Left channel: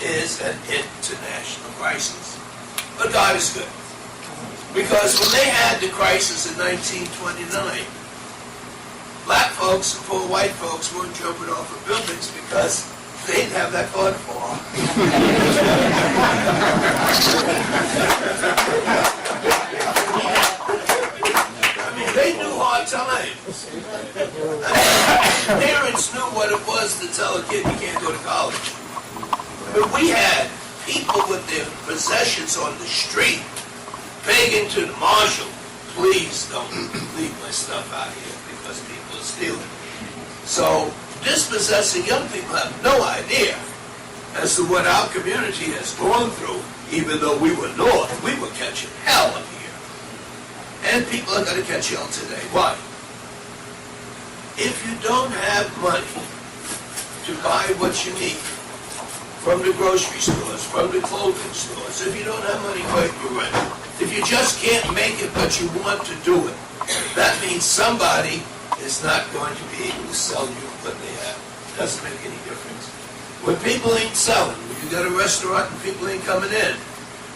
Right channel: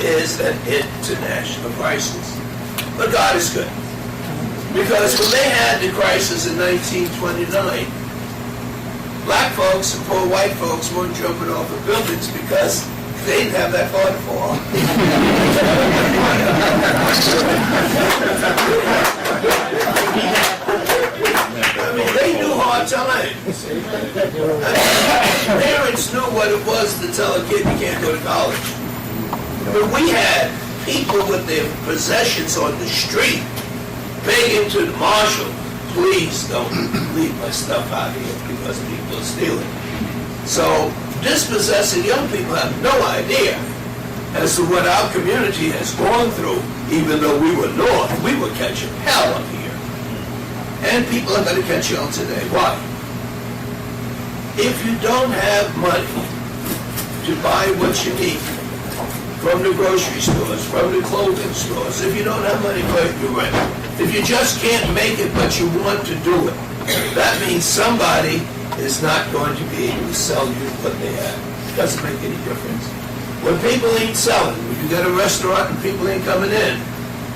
is an international crisis. But God is good. Because when they had the crisis in 1929, black folks and poor white folks weren't jumping off of buildings because they didn't have that far to fall. I mean, they knew hard times. Parents knew what it was to tell a kid you can't go to college. But we had people with their possessions on the street begging to the marshal, please don't leave my stuff out here because people are stealing. So dispossessing young people have no idea as to what our community has gone through. Even though we were north, we were catching hell up here. And people are going to catch hell today. Why? If you don't have money to buy what you need from the grocery stores, from the clothing stores, if you don't have money for your rent, if you just can't make it but you want to do it, that means somebody is not going to be able to sell you what they have. It doesn't make any difference. When people ain't selling, when you got a restaurant and people ain't coming in,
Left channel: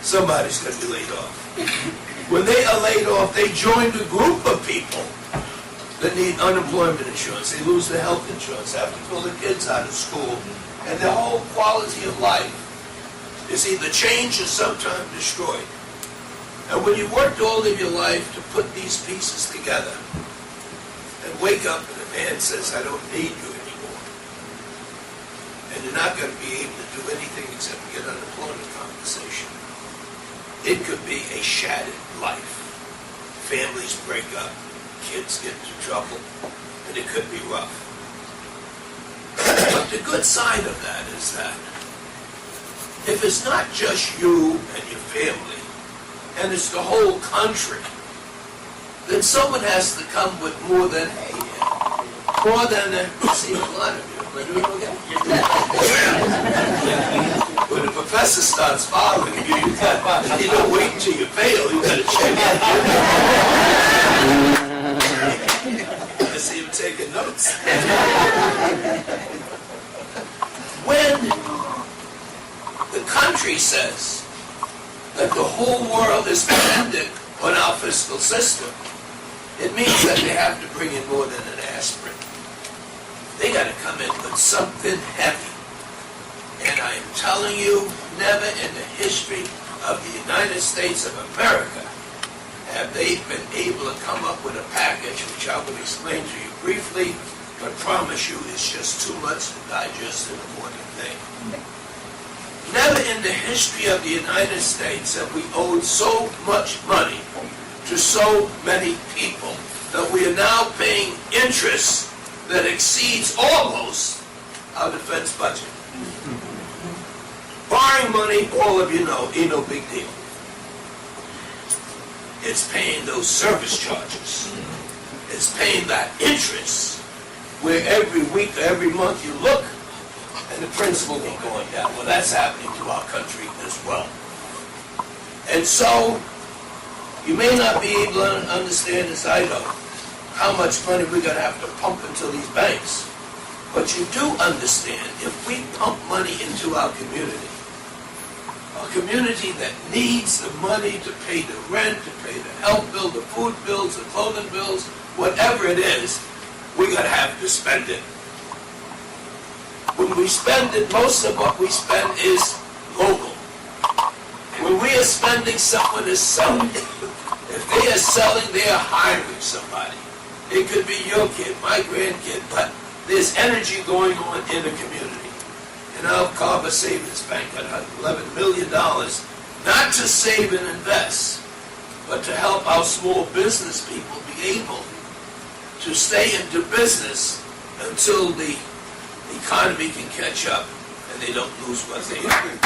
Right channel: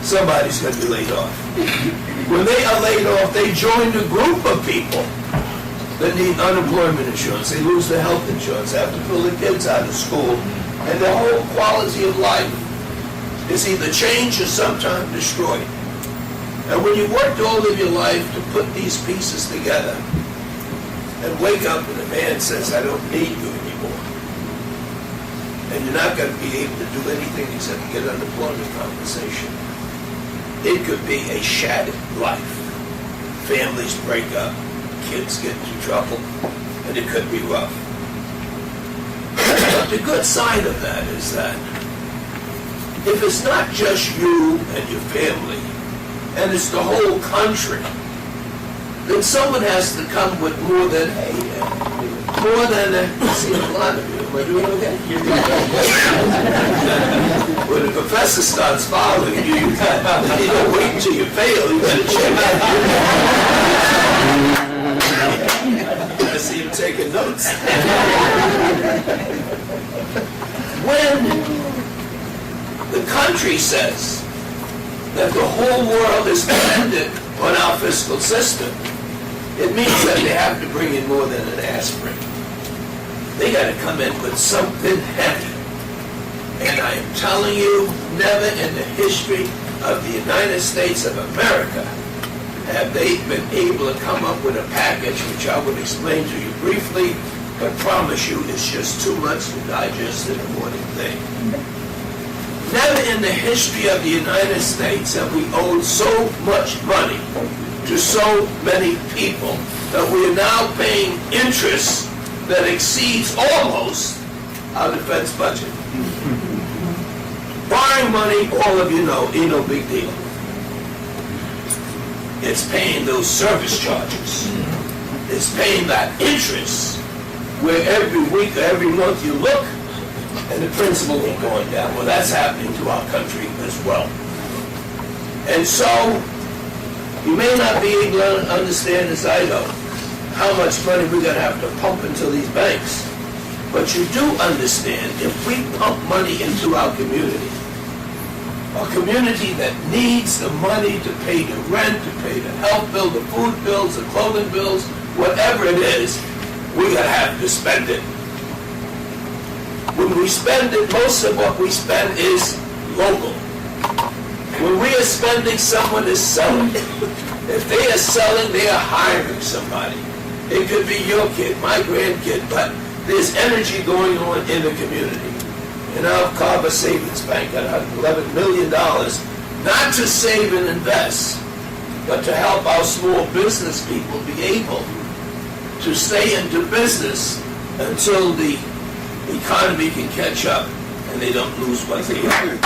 somebody's going to be laid off. When they are laid off, they join a group of people that need unemployment insurance. They lose their health insurance, have to pull their kids out of school, and their whole quality of life is either changed or sometimes destroyed. And when you worked all of your life to put these pieces together and wake up and a man says, I don't need you anymore, and you're not going to be able to do anything except get unemployment compensation, it could be a shattered life. Families break up, kids get into trouble, and it could be rough. But the good side of that is that if it's not just you and your family, and it's the whole country, then someone has to come with more than, hey, more than, I see a lot of you. Am I doing okay? When the professor starts following you, you don't wait until you fail, you got to check out. I see him taking notes. When the country says that the whole world is dependent on our fiscal system, it means that they have to bring in more than an aspirin. They got to come in with something heavy. And I am telling you, never in the history of the United States of America have they been able to come up with a package, which I will explain to you briefly, but promise you it's just too much to digest in a morning thing. Never in the history of the United States have we owed so much money to so many people that we are now paying interest that exceeds almost our defense budget. Borrowing money, all of you know, ain't no big deal. It's paying those service charges. It's paying that interest where every week or every month you look and the principal ain't going down. Well, that's happening to our country as well. And so, you may not be able to understand, as I know, how much money we're going to have to pump into these banks. But you do understand, if we pump money into our community, a community that needs the money to pay the rent, to pay the health bill, the food bills, the clothing bills, whatever it is, we're going to have to spend it. When we spend it, most of what we spend is local. When we are spending, someone is selling. If they are selling, they are hiring somebody. It could be your kid, my grandkid, but there's energy going on in the community. And our Carver Savings Bank got $11 million, not to save and invest, but to help our small business people be able to stay into business until the economy can catch up and they don't lose what they have.